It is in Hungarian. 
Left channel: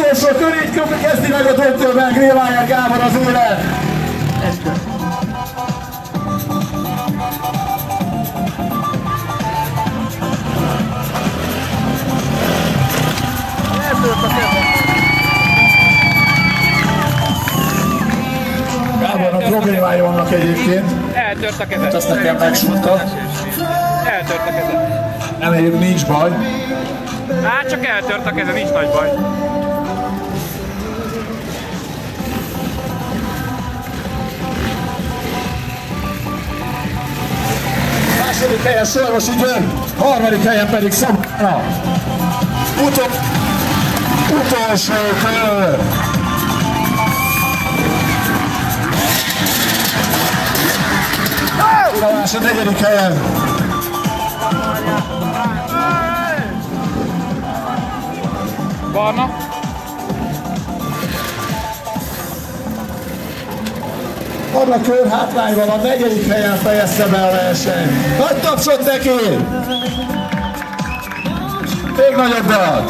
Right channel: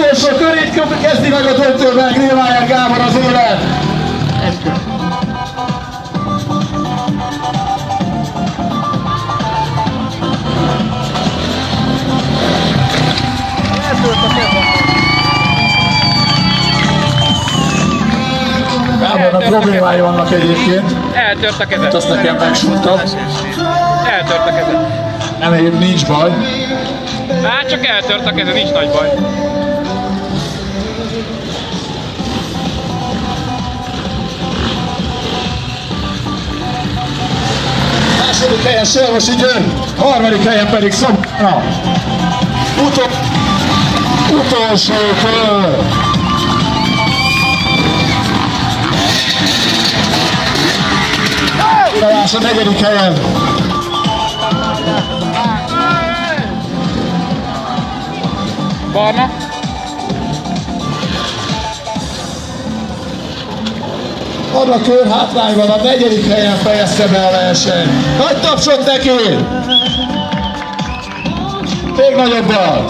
utolsó körét kezdi meg a döntőben Grillmeier Gábor az élet. Eltört a keze. Gábornak problémái vannak egyébként. Eltört a keze. Azt nekem megsúgta. Eltört a keze. Nem, egyébként nincs baj. Hát csak eltört a keze, nincs nagy baj. Második helyen Sorvosi György, harmadik helyen pedig Szabana. Utolsó kör. Uralás a negyedik helyen. Barna. Abla kör hátrányban a negyedik helyen fejezte be a versenyt. Nagy tapsot neki! Még nagyobb dal!